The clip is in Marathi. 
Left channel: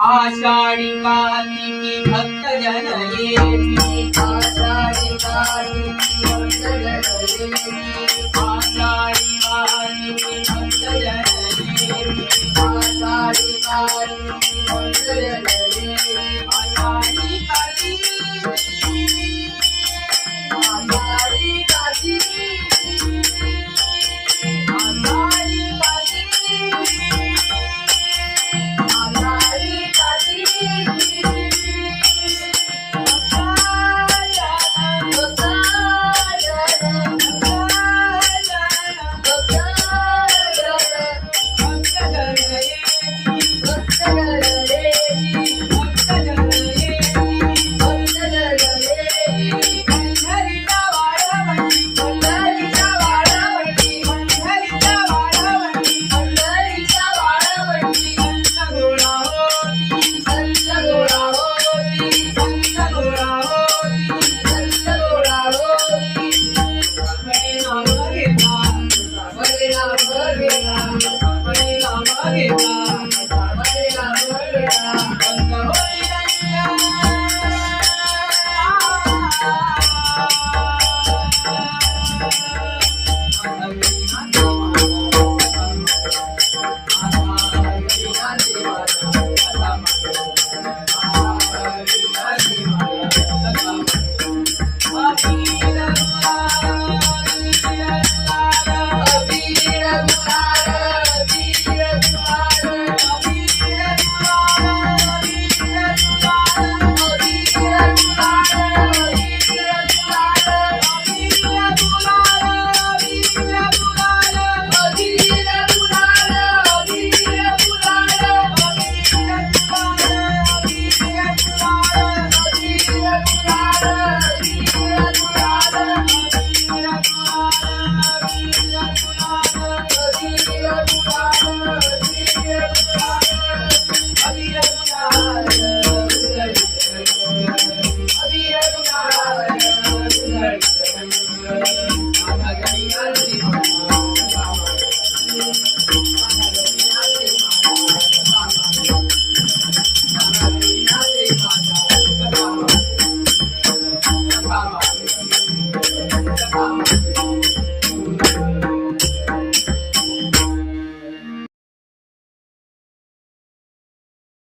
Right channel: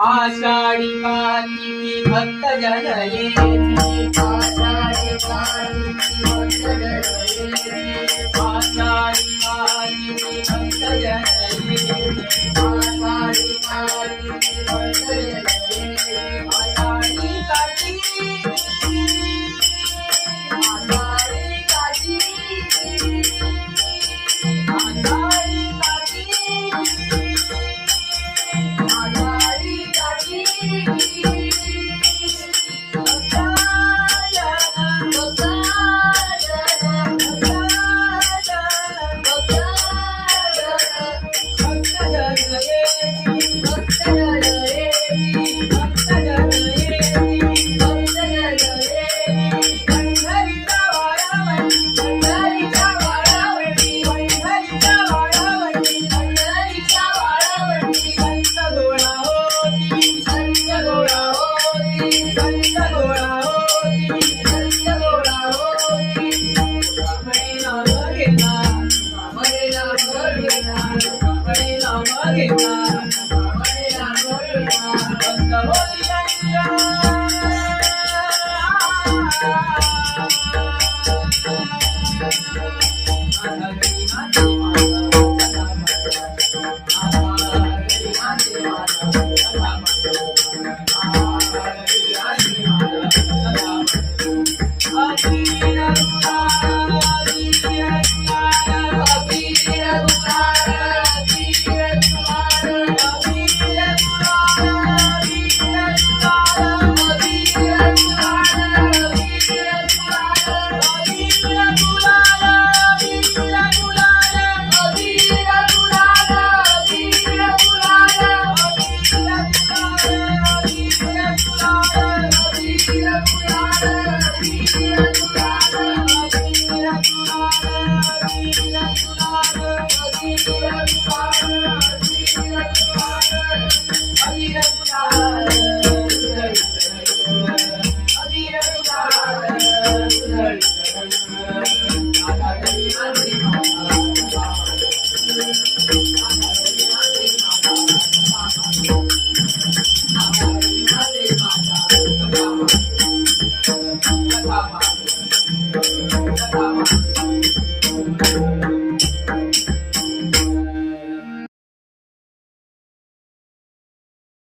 आषाढी कार्तिकी भक्त जन येती आषाढी कार्तिकी भक्त जन येती आषाढी कार्तिकी भक्त जन येती आषाढी कार्तिकी भक्त जन येती आषाढी कार्तिकी आषाढी कार्तिकी आषाढी कार्तिकी Thank you.